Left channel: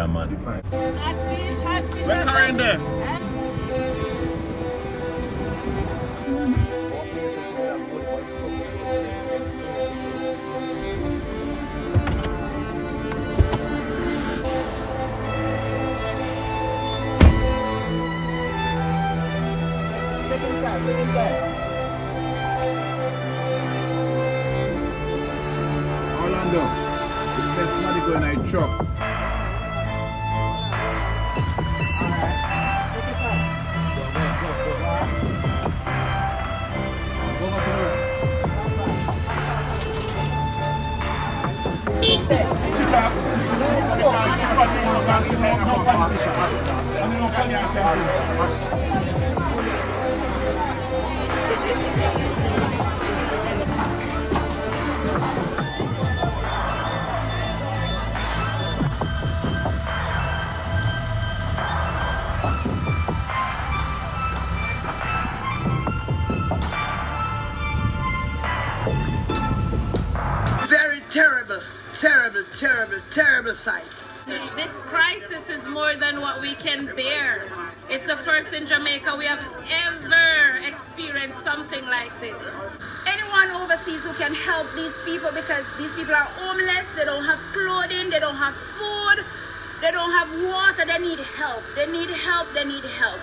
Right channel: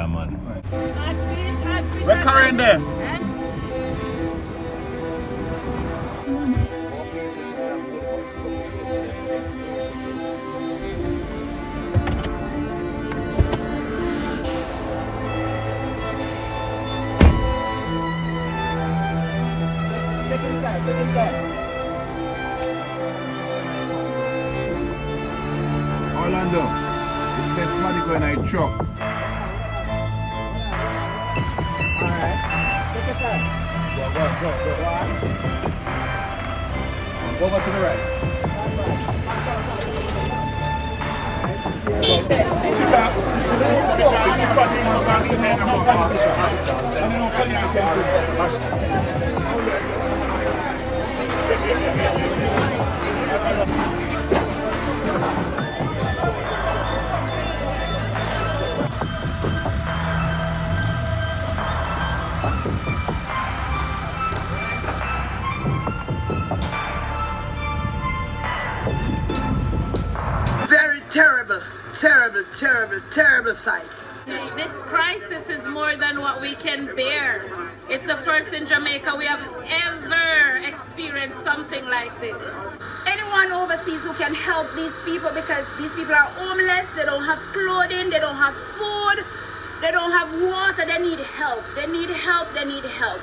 Yeah, man. What kind of? Orlando, there's somebody going to truck. Go over to the right. Very terrible, terrible, terrible, terrible sight. This crisis is more than what we can bear. It's the first in Jamaica we have ever experienced something like this. Anyone overseas who can help these people, because these people are homeless, they don't have clothing, they don't have food, they don't have water, they need help. They need help, they need help.